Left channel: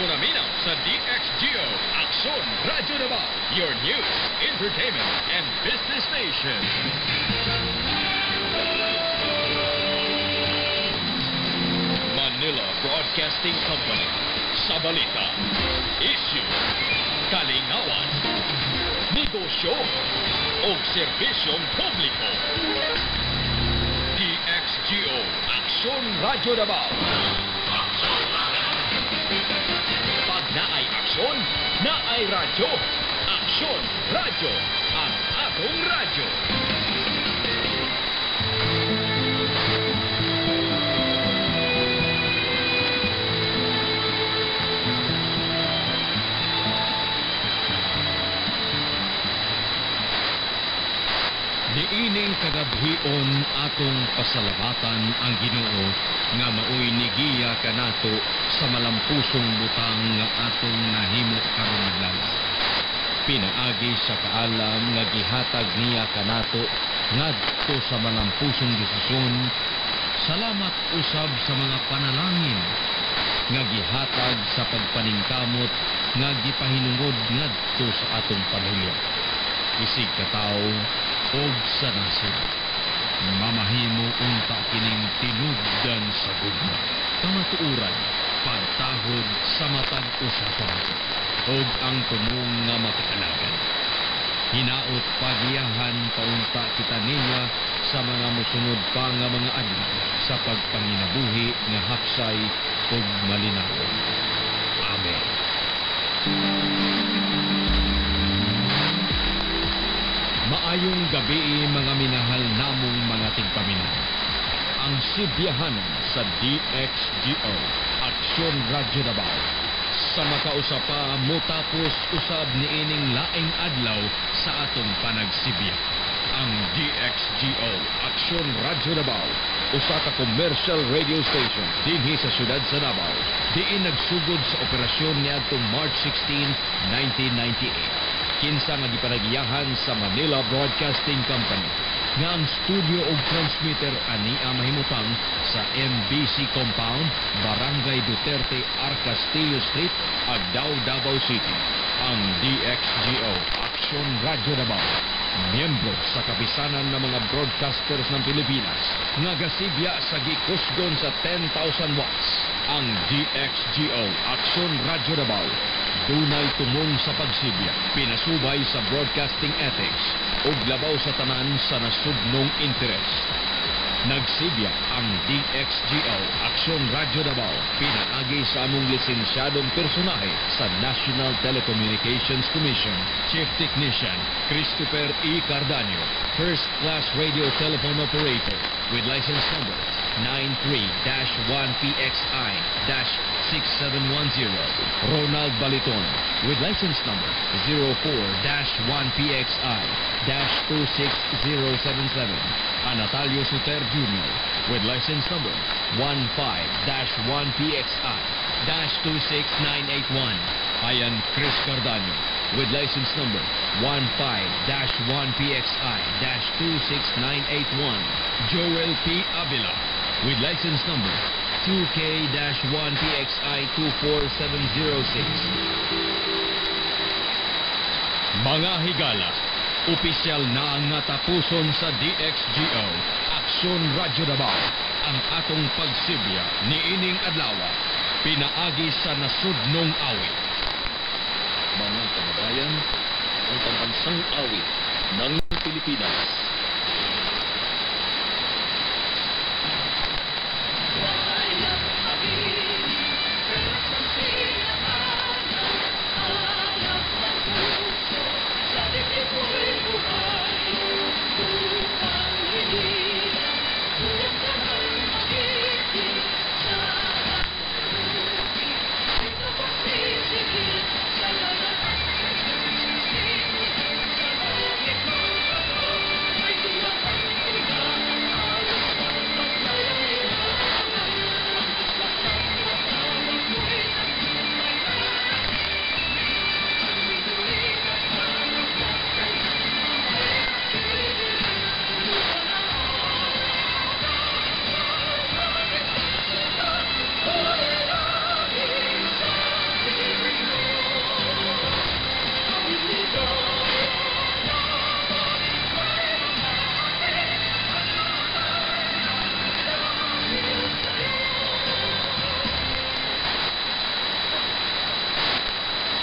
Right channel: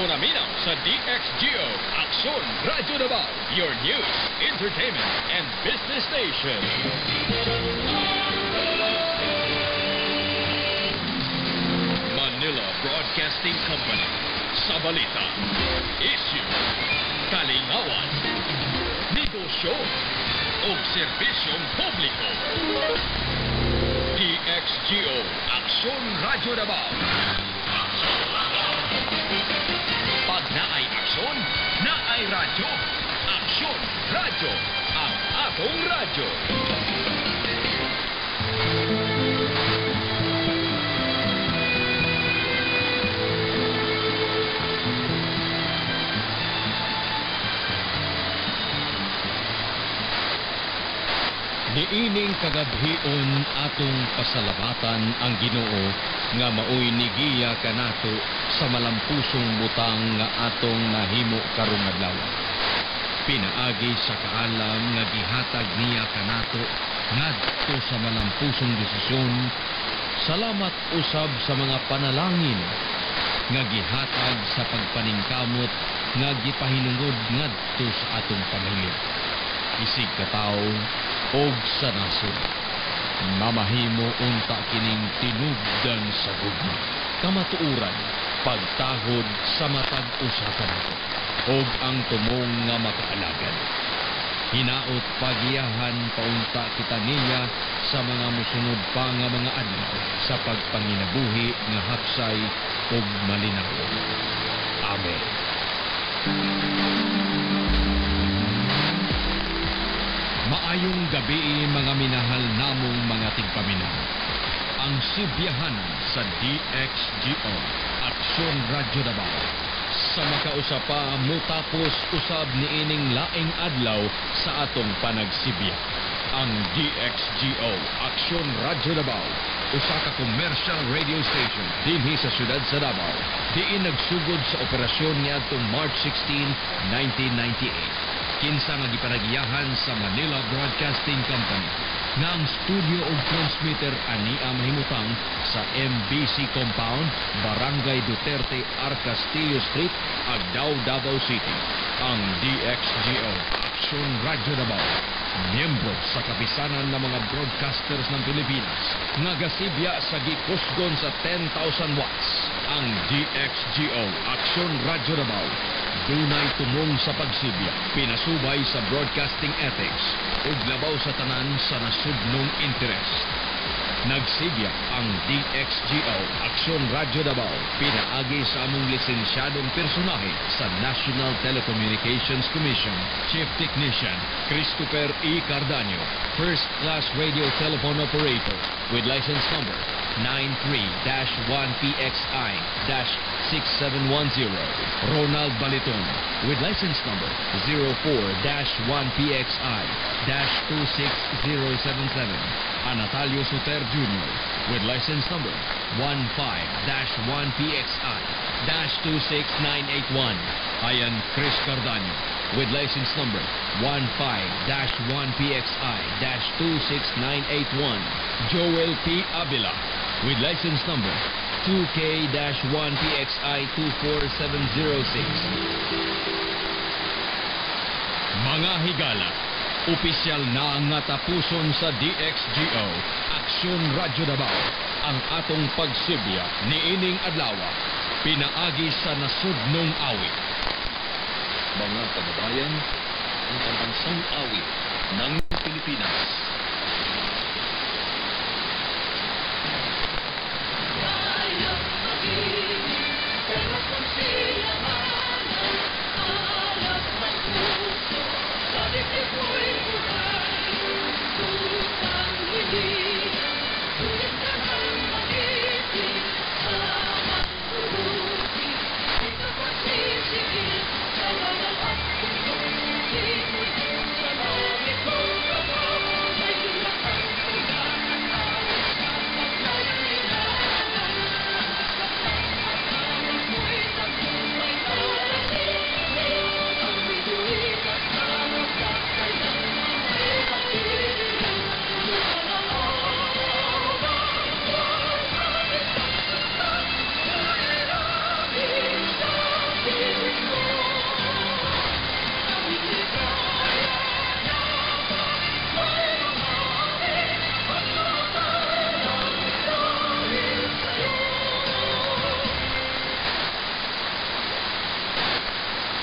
mo naminaw sa DXGO Aksyon Radyo Davao, your news, entertainment, and business station. Manila Broadcasting Company, sa balita, issue, kalingawan, negosyo, o serbisyong publiko. DXGO Aksyon Radyo Davao. Aksyon Radyo. Pag naay aksyon, naay radyo. Aksyon Radyo, ang atong radyo. Niining kagabhion atong pasalamatan ang Ginoo nga maoy nigiya kanato sa malampusong butang nga atong nahimo karong adlaw. Pinaagi sa kaalam nga gihatag niya kanato ngadto sa malampusong desisyon. Salamat usab sa mga panalangin nga gihatag sa pagpaningkamot nga gipahinungod ngadto sa atong pamilya. Isig katawo og sa nasod. Mamahimo unta kining tinubdan sa gugma. Kamatuuran, pagtahod sa matag usa ka nato. Og ang tumong nga makaalagad. Hinaot pagiyahan paunta kita niya sa mga musunod pa nga mga adlaw sa pagpanginabuhi nga hapsay ug malinaw. Amen. Maayong gabi mga minahal namong mga tigpaminaw. Ang sibiyahanan sa DXGO Aksyon Radyo Davao sa makausapa mutapos usab niining laing adlaw sa atong panagsibya. Ang DXGO Aksyon Radyo Davao, usa ka commercial radio station dinhi sa syudad sa Davao, diin nagsugod sa operasyon niadtong March 16, 1998. Kinsa nga gipanagiyahan sa Manila Broadcasting Company nga ang studio ug transmitter ania mahimutang sa MBC Compound, Barangay Duterte, Arcastillo Street, Agdao, Davao City. Ang DXGO Aksyon Radyo Davao, miyembro sa kapisanan ng mga broadcasters ng Pilipinas nga gasibya sa gikusgon sa 10,000 watts. Ang DXGO Aksyon Radyo Davao dunay tumong sa pagsibya, pinasubay sa broadcasting ethics ug labaw sa tanan sa nasudnong interes. Nagsibya ang DXGO Aksyon Radyo Davao pinaagi sa among lisensyadong personahe sa National Telecommunications Commission, Chief Technician Christopher E. Cardanio, First Class Radio Telephone Operator with license number 93-1PXI-6710. Ronald Baliton with license number 04-1PXI-26077. Anatalio Soter Jr. with license number 15-1PXI-26981. Ayan Chris Cardanio with license number 15-1PXI-26981. Joel P. Avila with license number 2K-1PXI-24706. Mga higala, opisyal na nga tapuson sa DXGO Aksyon Radyo Davao ang atong pagsibya niining adlawa pinaagi sa nasudnong awit. Mga kababayan, ang pambansang awit ng Pilipinas.